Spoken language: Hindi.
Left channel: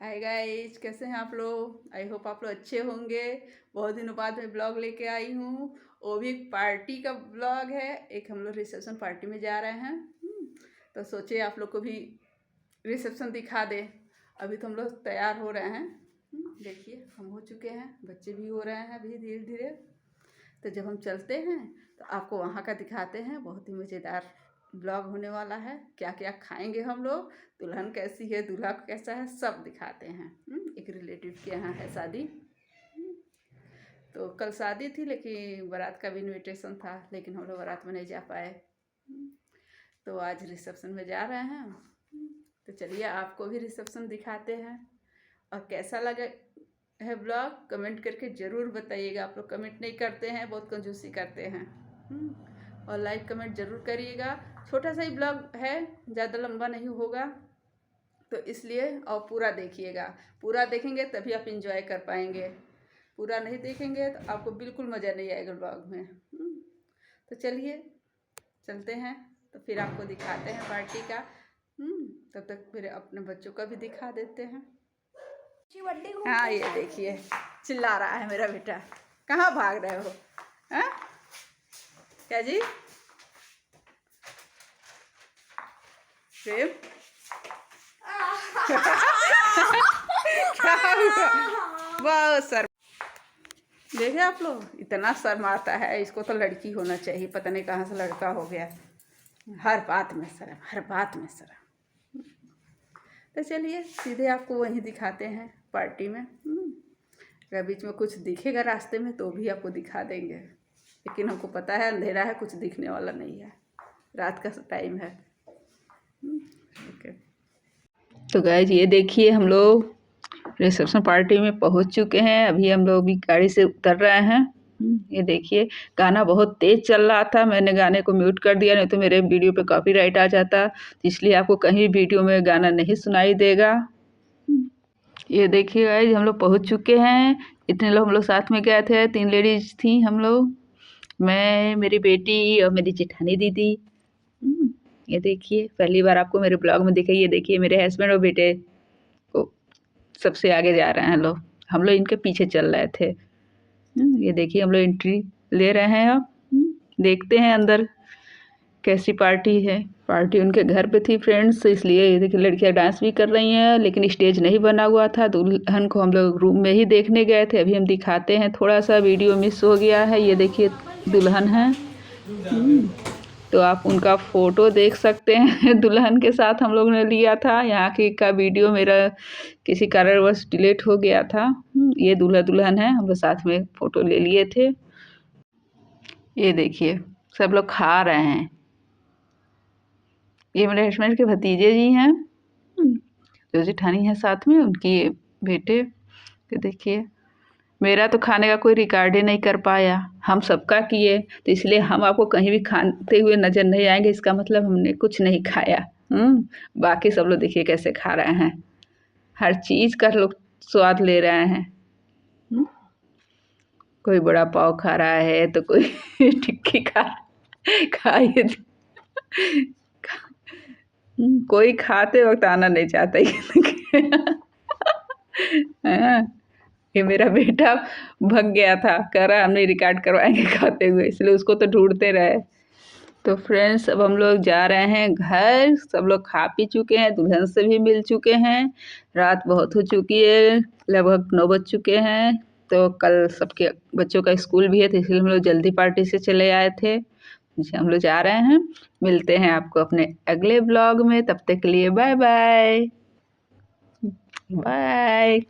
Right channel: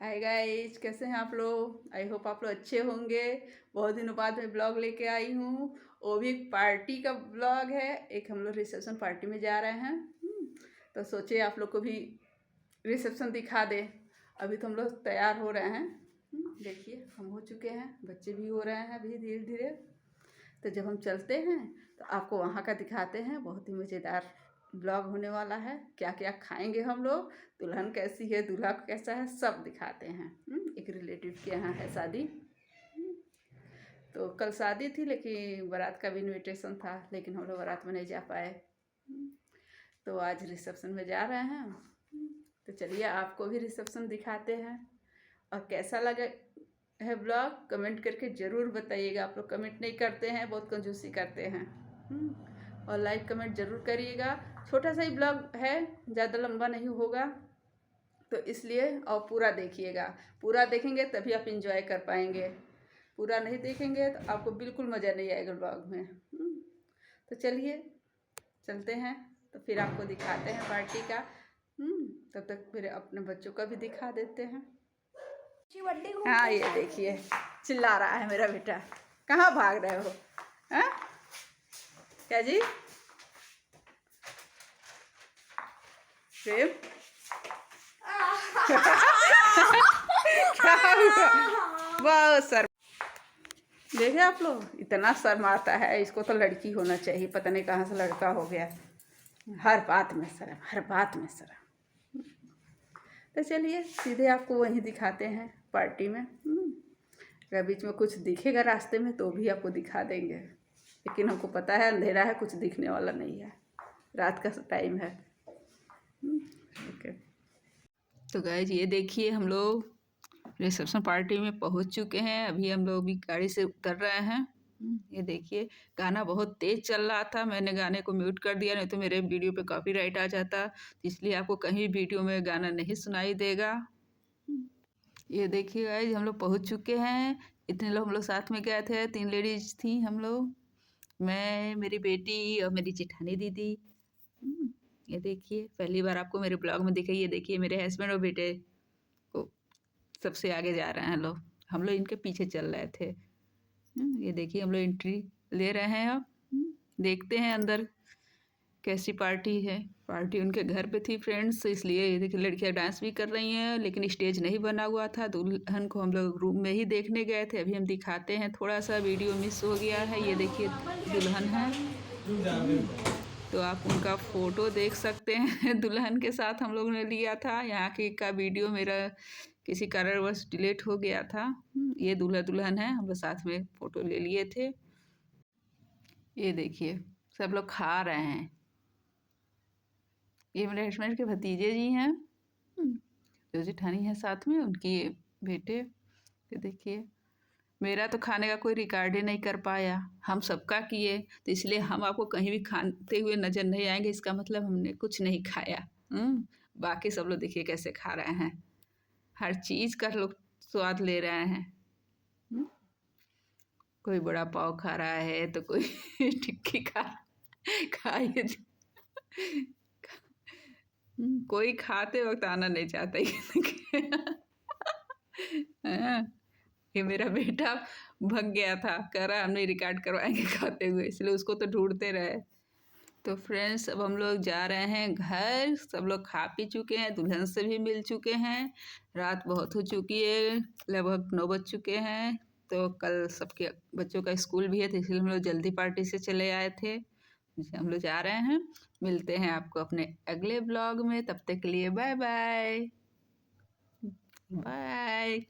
हाय गाइस, कैसे हैं आप लोग। आई होप आप लोग अच्छे होंगे। बहुत दिनों बाद मैं ब्लॉग लेके आई हूँ, वो भी एक पार्टी का ब्लॉग है। एक हम लोग रिसेप्शन पार्टी में जा रहे हैं। तो सोचे आप लोग को भी रिसेप्शन दिखा दे। अभी तो हम लोग तैयार हो रहे हैं। देखिए हम हो चुके हैं, बच्चे भी हो रहे हैं अभी धीरे धीरे। तो जब हम चलते हैं तो आपको वहाँ का दिखाते हैं। बहुत ही मज़ेदार ब्लॉग होने वाला है। क्या क्या खाएंगे हम लोग, दुल्हन कैसी है, दूल्हा कैसा है, सब दिखाते हैं। एक रिलेटिव के यहाँ है शादी। तो कल शादी थी लेकिन बारात का भी इनविटेशन था, लेकिन हम लोग बारात में नहीं जा पाए। तो आज रिसेप्शन में जा रहे हैं। तो चलिए आपको भी रिसेप्शन दिखाते हैं। और कैसा लगे है ब्लॉग कमेंट करके ज़रूर बताइएगा। आप लोग कमेंट नहीं करते हैं, बहुत कंजूसी करते हैं। और लाइक कमेंट ज़रूर करिएगा। छोटा सा ही ब्लॉग है, ज़्यादा लंबा नहीं होगा, तो इसलिए और पूरा देखिएगा। पूरा देखेंगे तभी आप इंजॉय कर पाएंगे। पूरा नहीं देखेंगे तो आपको बिल्कुल मज़ा नहीं आएगा ब्लॉग में। तो चलिए चलते हैं, तो फिर आपको दिखाते हैं पार्टी का। तब तक फिर अपने बच्चों का भी दिखा देते हैं। हाँ ये देखिए चिल्ला रहा है मेरा बेटा। कहाँ भाग रहे हो? हाँ क्या जी? प्रेम बहुत सर देखे आप लोग, इतना सर मारता है। इसको तो लड़की होना चाहिए, पता नहीं कहाँ से लड़का हो गया। हर बात में शर्म, हर बात में शर्म। तो चलिए सीधे आपको वहीं दिखाते हैं पार्टी में। अगर बीच में कुछ दिखेगा रास्ते में तो भी आपको दिखा देंगे, लेकिन हमको पता है अंधेरा है, कुछ दिखने वाला नहीं है, रात का टाइम है। ओके। तो गाइस ये देखिए हम लोग रिसेप्शन पार्टी में पहुंच चुके हैं। अभी हम लोग भी गाड़ी से उतर रहे हैं। ये देखिए गाना बहुत तेज चल रहा था, मैंने गाने को म्यूट कर दिया, नहीं तो मेरे वीडियो पे कॉपीराइट आ जाता। इसलिए आपको कहीं वीडियो में गाना नहीं सुनाई देगा। ये देखिए गाइस हम लोग पहुंच चुके हैं। इतने लोग हम लोग साथ में गए थे, 3 लेडीज थी हम लोग, मैं, मेरी बेटी और मेरी जेठानी दीदी। ये देखिए पहली बार आपको मेरे ब्लॉग में दिखे। ये देखिए मेरे हस्बैंड और बेटे को सबसे आगे जा रहे हैं लोग, हम लोग इनके पीछे चल रहे थे। ये देखिए हम लोग एंट्री ले रहे हैं। अब देखते हैं अंदर कैसी पार्टी है। पार्टी उनके घर पे थी फ्रेंड्स, इसलिए ये देखिए लड़कियां डांस भी कर रही हैं, लेकिन स्टेज नहीं बना हुआ था। दुल्हन को हम लोग रूम में ही देखने गए थे। अभी हम दिखाते हैं, थोड़ा सा वीडियो मिस हो गया है। ये देखिए दुल्हन है, तो आप उनका फ़ोटो देख सकते हैं। दुल्हन के साथ हम लोग ने लिया था। यहाँ की का वीडियो मेरा किसी कारणवश डिलीट हो गया था। ये दूल्हा दुल्हन है, हम लोग साथ में फ़ोटो ले लिए थे। ये देखिए सब लोग खा रहे हैं। ये मेरे हस्बैंड के भतीजे जी हैं, जो जेठानी है साथ में, उनकी बेटे। तो देखिए मेरा तो खाने का कोई रिकॉर्ड ही नहीं कर पाया, हम सबका किए, तो इसलिए हम आपको कहीं भी खाते हुए नज़र नहीं आएंगे। इसका मतलब हमने कुछ नहीं खाया। बाकी सब लोग देखिए कैसे खा रहे हैं, हर चीज़ का लोग स्वाद ले रहे हैं। कोई बड़ा पाव खा रहा है तो कोई टिक्की खाइए। कोई खाते वक्त आना नहीं चाहता हाँ, ये मेरा बेटा भग गया था, कह रहा हम नहीं रिकॉर्ड करवाएंगे खाते हुए, इसलिए उसको तो ढूंढते रहे। तो फ्रेंड्स अब हम लोग जा रहे हैं घर। सब लोग खा पी चुके हैं, दुल्हन से भी मिल चुके हैं। रात बहुत हो चुकी है, लगभग 9 बज चुके हैं। तो कल सबके बच्चों का स्कूल भी है, तो इसलिए हम लोग जल्दी पार्टी से चले आए थे। हम लोग जा रहे हैं। मिलते हैं आपको अपने अगले ब्लॉग में, तब तक के लिए बाय बाय बाय।